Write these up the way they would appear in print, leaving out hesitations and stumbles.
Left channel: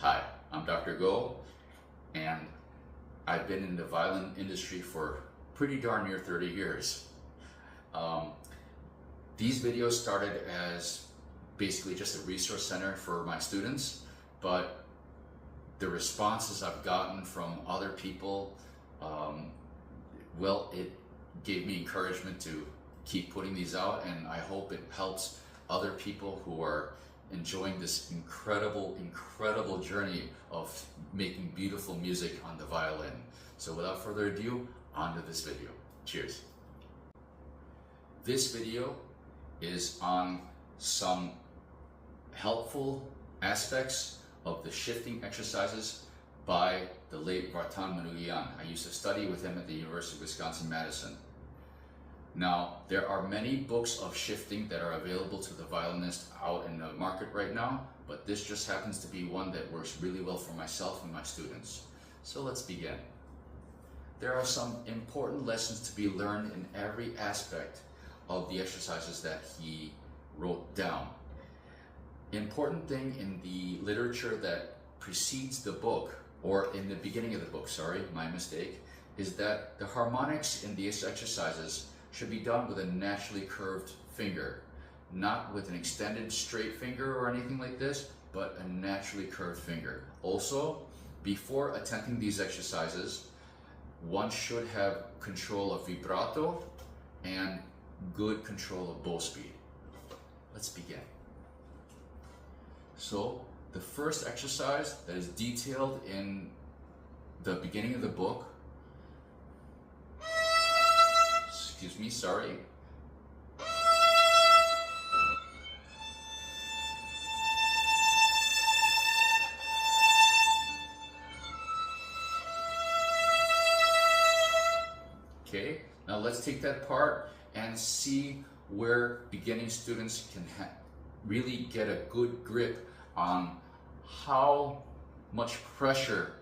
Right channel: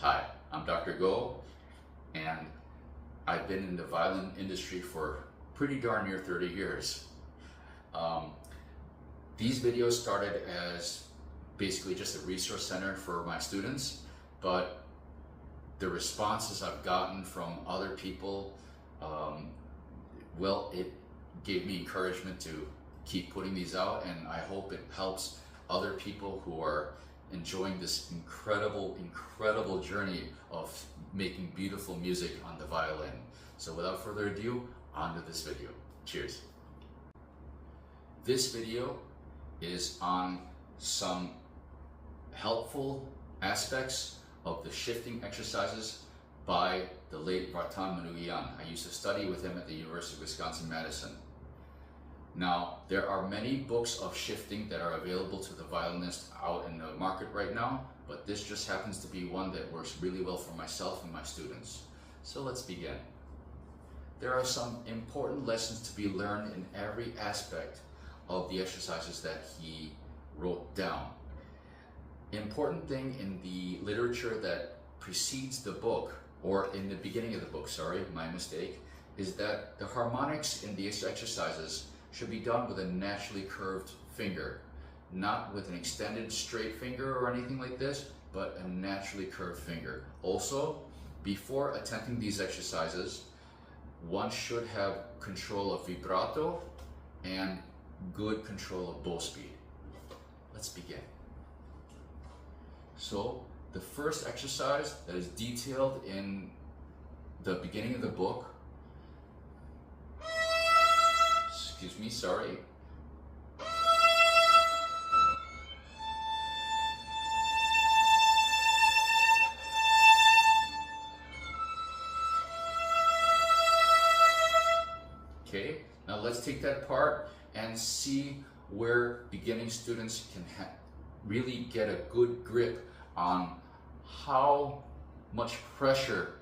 Hi, I'm Dr. Go, and I've been in the violin industry for pretty darn near 30 years. These videos started as basically just a resource center for my students, but the responses I've gotten from other people, well, it gave me encouragement to keep putting these out, and I hope it helps other people who are enjoying this incredible journey of making beautiful music on the violin. So without further ado, on to this video. Cheers. This video is on some helpful aspects of the shifting exercises by the late Vartan Manugian. I used to study with him at the University of Wisconsin-Madison. Now, there are many books of shifting that are available to the violinist out in the market right now, but this just happens to be one that works really well for myself and my students. So let's begin. There are some important lessons to be learned in every aspect of the exercises that he wrote down. Important thing in the literature that precedes the book, or in the beginning of the book, sorry, my mistake, is that the harmonics in these exercises should be done with a naturally curved finger, not with an extended straight finger or anything like this, but a naturally curved finger. Also, before attempting these exercises, one should have control of vibrato and good control of bow speed. Let's begin. So, the first exercise that is detailed in the beginning of the book, excuse me, sorry. Okay, now let's take that part and see where beginning students can really get a good grip on how much pressure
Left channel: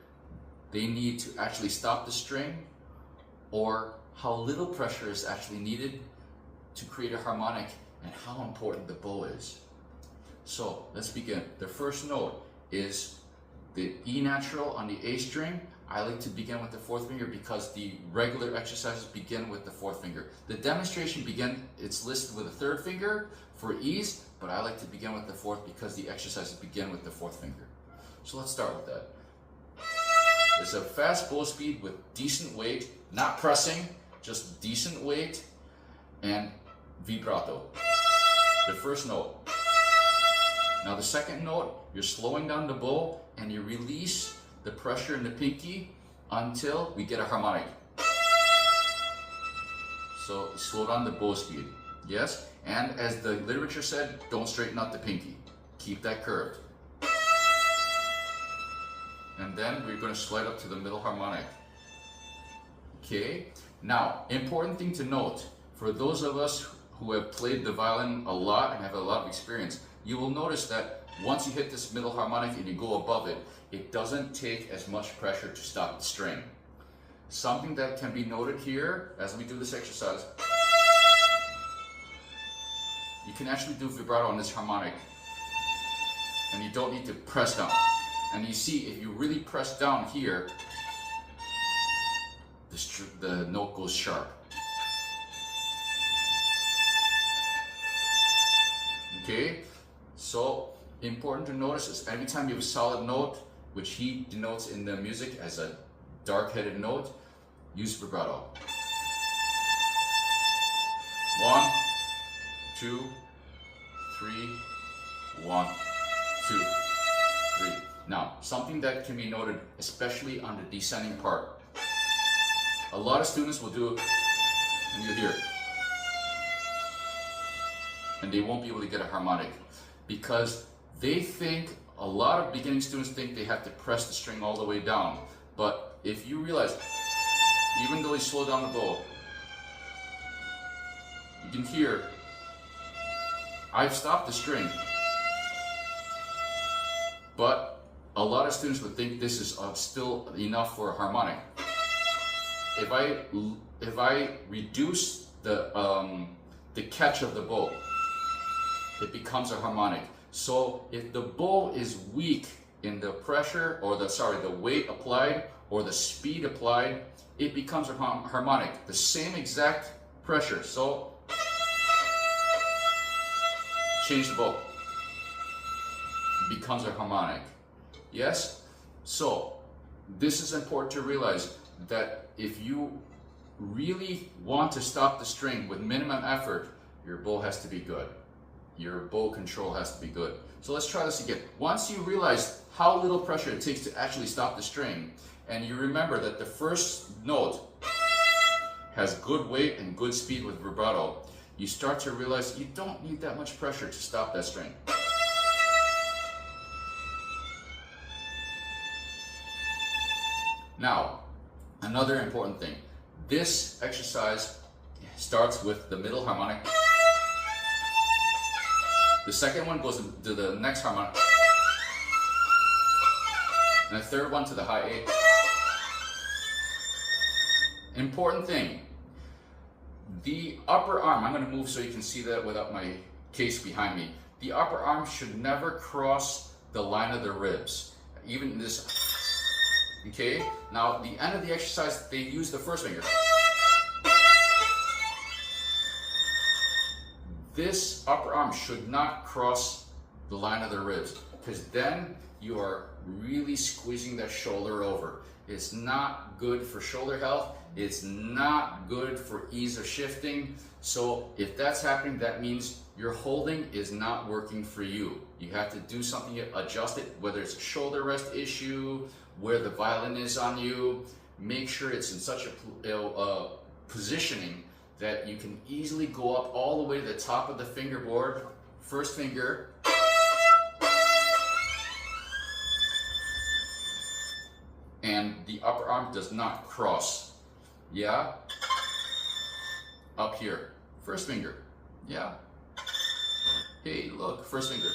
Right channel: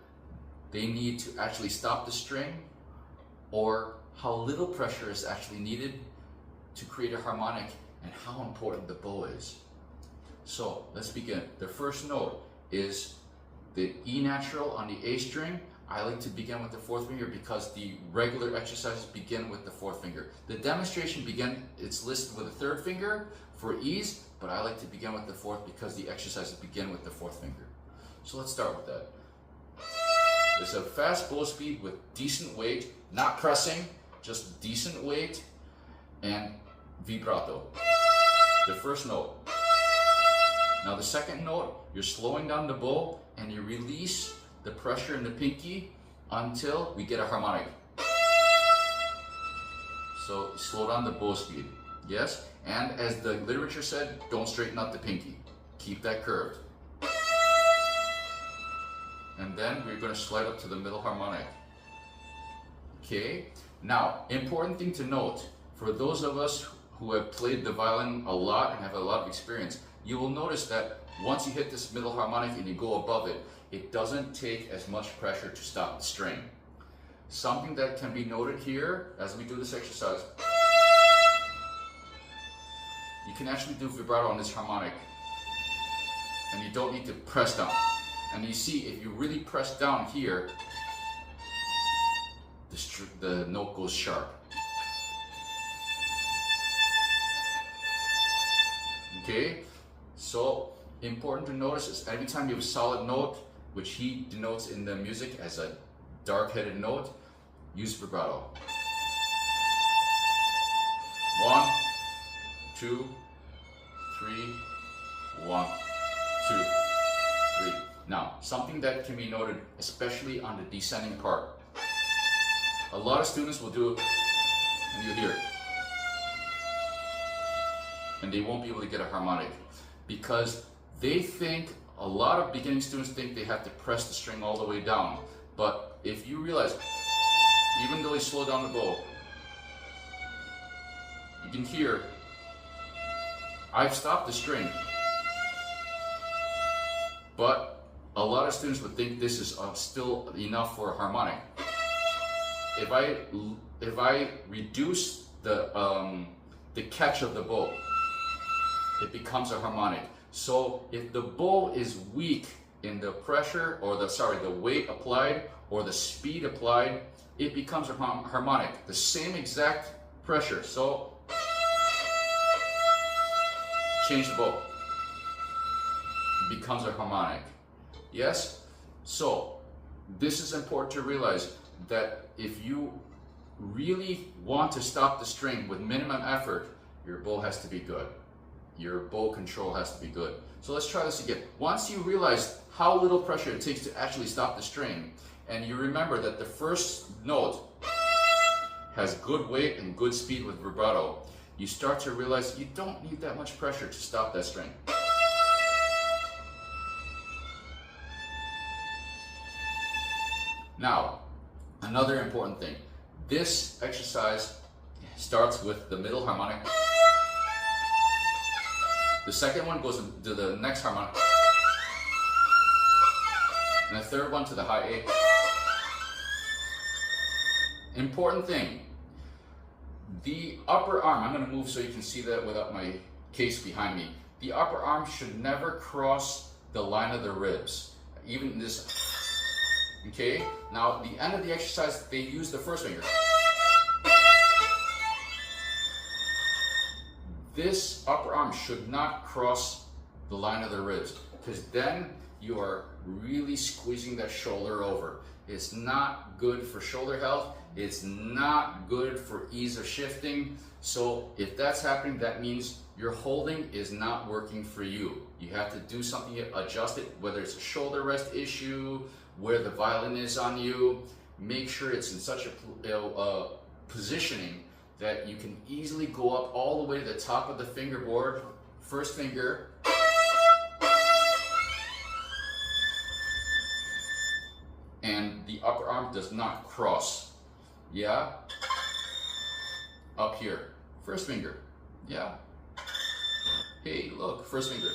they need to actually stop the string, or how little pressure is actually needed to create a harmonic, and how important the bow is. So let's begin. The first note is the E natural on the A string. I like to begin with the fourth finger because the regular exercises begin with the fourth finger. The demonstration it's listed with a third finger for ease, but I like to begin with the fourth because the exercises begin with the fourth finger. So let's start with that. There's a fast bow speed with decent weight, not pressing, just decent weight, and vibrato. The first note. Now the second note, you're slowing down the bow and you release the pressure in the pinky until we get a harmonic. So slow down the bow speed, yes? And as the literature said, don't straighten out the pinky. Keep that curved. And then we're going to slide up to the middle harmonic. Okay? Now, important thing to note, for those of us who have played the violin a lot and have a lot of experience, you will notice that once you hit this middle harmonic and you go above it, it doesn't take as much pressure to stop the string. Something that can be noted here as we do this exercise, you can actually do vibrato on this harmonic and you don't need to press down. And you see, if you really press down here, the note goes sharp. Okay, so important to notice is every time you have a solid note, which he denotes in the music as a dark-headed note, use vibrato. 1, 2, 3, 1, 2, 3. Now, something that can be noted, especially on the descending part. A lot of students will do it, and you'll hear it. And they won't be able to get a harmonic because they think, a lot of beginning students think they have to press the string all the way down. But if you realize, even though they slow down the bow, you can hear, I've stopped the string. But a lot of students would think this is still enough for a harmonic. If I reduce the catch of the bow, it becomes a harmonic. So if the bow is weak in the pressure, or the weight applied or the speed applied, it becomes a harmonic. The same exact pressure. So change the bow. It becomes a harmonic. Yes? So this is important to realize, that if you really want to stop the string with minimum effort, your bow has to be good. Your bow control has to be good. So let's try this again. Once you realize how little pressure it takes to actually stop the string, and you remember that the first note has good weight and good speed with vibrato, you start to realize you don't need that much pressure to stop that string. Now, another important thing. This exercise starts with the middle harmonic. The second one goes to the next harmonic. And the third one to the high A. Important thing. The upper arm, I'm going to move so you can see that without my case behind me. The upper arm should never cross the line of the ribs. Even this. Okay? Now, at the end of the exercise, they use the first finger. This upper arm should not cross the line of the ribs, because then you are really squeezing that shoulder over. It's not good for shoulder health. It's not good for ease of shifting. So if that's happening, that means your holding is not working for you. You have to do something to adjust it, whether it's a shoulder rest issue, where the violin is on you. Make sure it's in such a positioning that you can easily go up all the way to the top of the fingerboard. First finger. And the upper arm does not cross. Yeah? Up here. First finger. Yeah? Hey, look, first finger.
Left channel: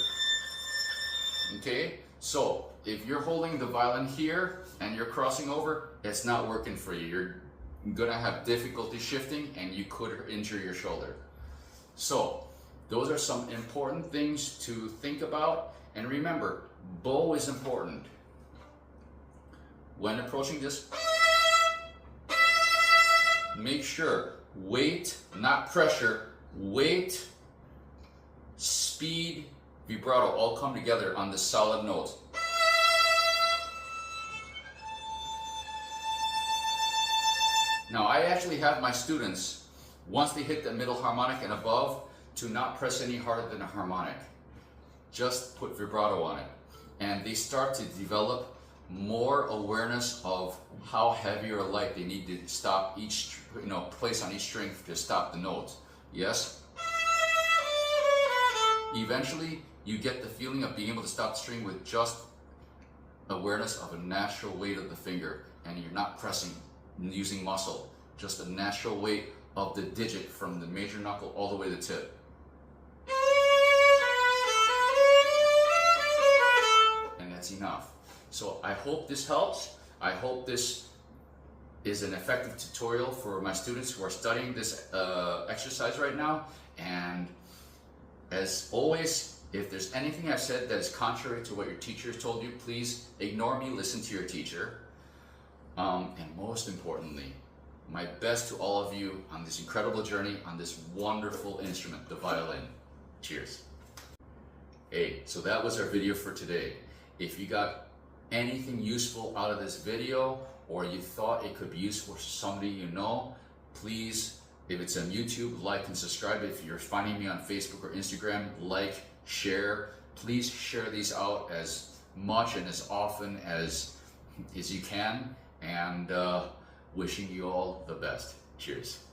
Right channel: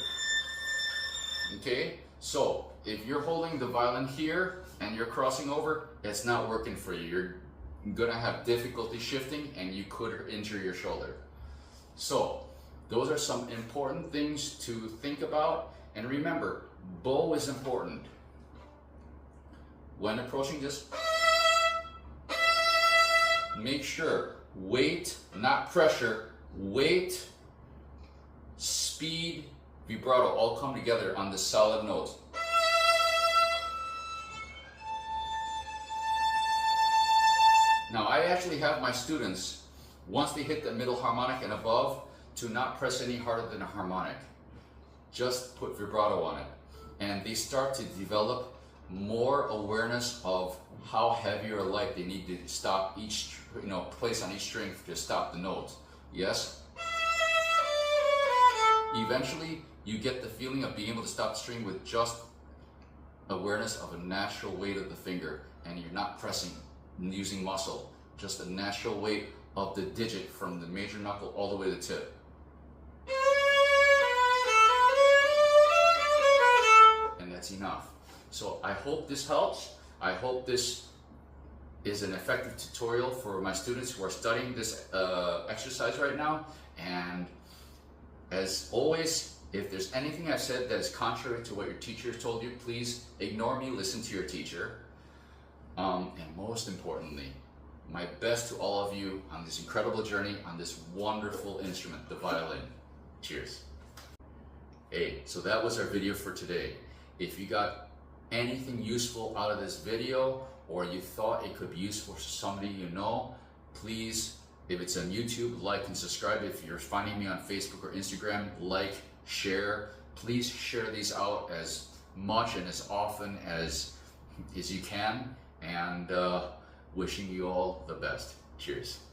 Okay? So, if you're holding the violin here and you're crossing over, it's not working for you. You're gonna have difficulty shifting and you could injure your shoulder. So, those are some important things to think about. And remember, bow is important. When approaching this, make sure weight, not pressure, weight, speed, vibrato all come together on this solid note. Now, I actually have my students, once they hit the middle harmonic and above, to not press any harder than a harmonic. Just put vibrato on it. And they start to develop more awareness of how heavy or light they need to stop each, place on each string to stop the note. Yes? Eventually, you get the feeling of being able to stop the string with just awareness of a natural weight of the finger, and you're not pressing using muscle, just a natural weight of the digit from the major knuckle all the way to the tip. And that's enough. So I hope this helps. I hope this is an effective tutorial for my students who are studying this exercise right now. And as always, if there's anything I've said that is contrary to what your teacher told you, please ignore me, listen to your teacher. And most importantly, my best to all of you on this incredible journey, on this wonderful instrument, the violin. Cheers. Hey, so that was our video for today. If you got anything useful out of this video, or you thought it could be useful for somebody you know, please, if it's on YouTube, like and subscribe. If you're finding me on Facebook or Instagram, like, share. Please share these out as much and as often as you can. And wishing you all the best. Cheers.